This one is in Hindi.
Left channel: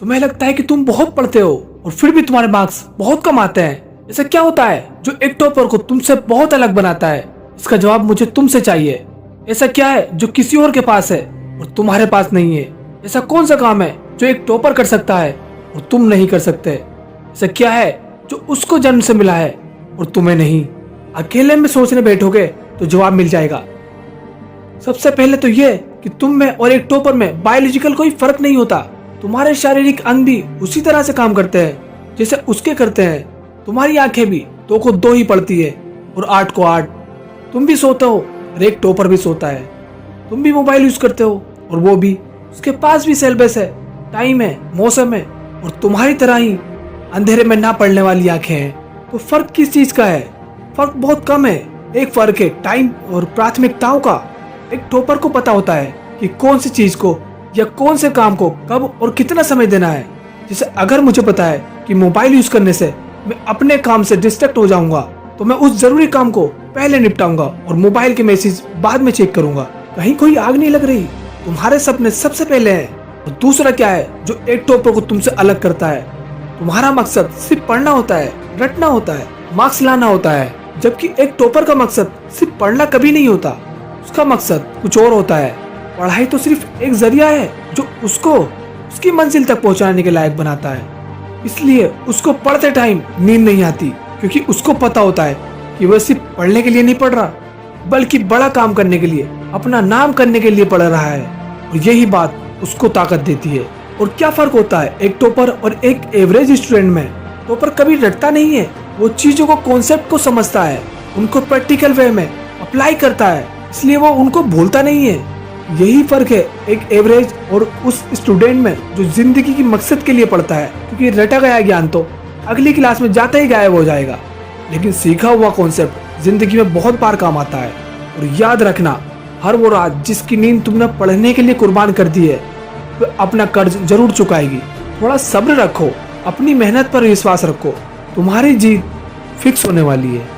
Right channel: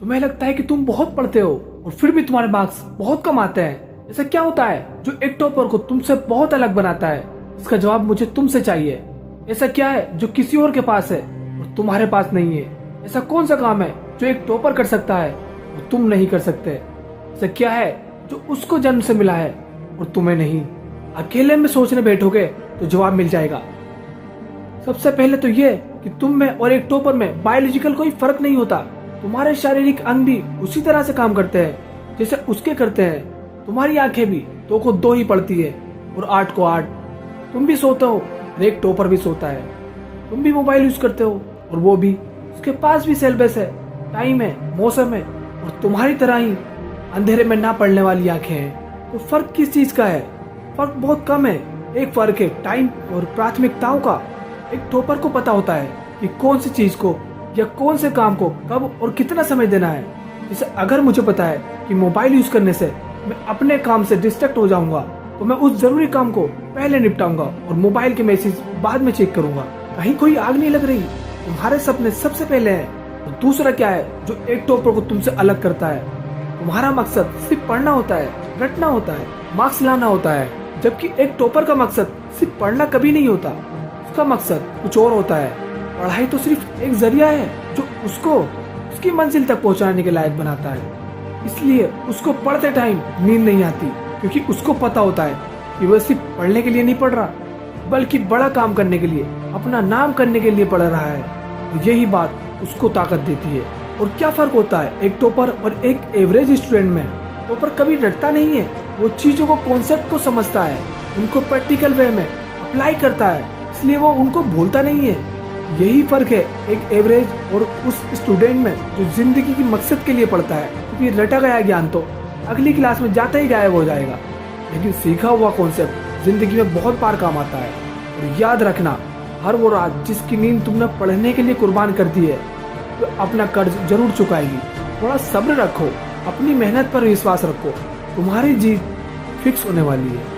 तुम्हें लगता है कि तुम बहुत पढ़ते हो और फिर भी तुम्हारे मार्क्स बहुत कम आते हैं। ऐसा क्या होता है जो एक टॉपर को तुमसे बहुत अलग बनाता है? इसका जवाब मुझे तुमसे चाहिए। ऐसा क्या है जो किसी और के पास है और तुम्हारे पास नहीं है? ऐसा कौन सा काम है जो एक टॉपर कर सकता है और तुम नहीं कर सकते? ऐसा क्या है जो उसको जन्म से मिला है और तुम्हें नहीं? अकेले में सोचने बैठोगे तो जवाब मिल जाएगा। सबसे पहले तो ये कि तुम में और एक टॉपर में बायोलॉजिकल कोई फर्क नहीं होता। तुम्हारे शारीरिक अंग भी उसी तरह से काम करते हैं जैसे उसके करते हैं। तुम्हारी आंखें भी 2 को 2 ही पड़ती है और 8 को 8। तुम भी सोते हो और एक टॉपर भी सोता है। तुम भी मोबाइल यूज करते हो और वो भी। उसके पास भी सिलेबस है, टाइम है, मौसम है और तुम्हारी तरह ही अंधेरे में ना पड़ने वाली आंखें हैं। तो फर्क किस चीज का है? फर्क बहुत कम है। एक फर्क है टाइम और प्राथमिकताओं का। एक टॉपर को पता होता है कि कौन सी चीज को या कौन से काम को कब और कितना समय देना है। जैसे अगर मुझे पता है कि मोबाइल यूज करने से मैं अपने काम से डिस्ट्रैक्ट हो जाऊंगा तो मैं उस जरूरी काम को पहले निपटाऊंगा और मोबाइल के मैसेज बाद में चेक करूंगा। कहीं कोई आग नहीं लग रही, तुम्हारे सपने सबसे पहले हैं। और दूसरा क्या है जो एक टॉपर को तुमसे अलग करता है? तुम्हारा मकसद सिर्फ पढ़ना होता है, रटना होता है, मार्क्स लाना होता है, जबकि एक टॉपर का मकसद सिर्फ पढ़ना कभी नहीं होता। उसका मकसद कुछ और होता है। पढ़ाई तो सिर्फ एक जरिया है जो उसको उसकी मंजिल तक पहुंचाने के लायक बनाता है। इसलिए उसको पढ़ते टाइम नींद नहीं आती, क्योंकि उसको पता होता है कि वह सिर्फ पढ़ने के लिए नहीं पढ़ रहा, बल्कि बड़ा काम करने के लिए, अपना नाम करने के लिए पढ़ रहा है। और यही बात उसको ताकत देती है। और क्या फर्क होता है एक टॉपर और एक एवरेज स्टूडेंट में? टॉपर कभी रटता नहीं है, वो चीजों को, कॉन्सेप्ट को समझता है, उनको प्रैक्टिकल वे में अप्लाई करता है, इसलिए वो उनको भूलता नहीं है। यही फर्क है एक एवरेज और उस स्टूडेंट में जो जिंदगी की मकसद के लिए पढ़ता है, क्योंकि रटा गया ज्ञान तो अगली क्लास में जाते ही गायब हो जाएगा, लेकिन सीखा हुआ कॉन्सेप्ट जिंदगी में बहुत बार काम आता है। और याद रखना, हर वो रात जिसकी नींद तुमने पढ़ने के लिए कुर्बान कर दी है, वो अपना कर्ज जरूर चुकाएगी। थोड़ा सब्र रखो, अपनी मेहनत पर विश्वास रखो, तुम्हारी जीत फिक्स होने वाली है।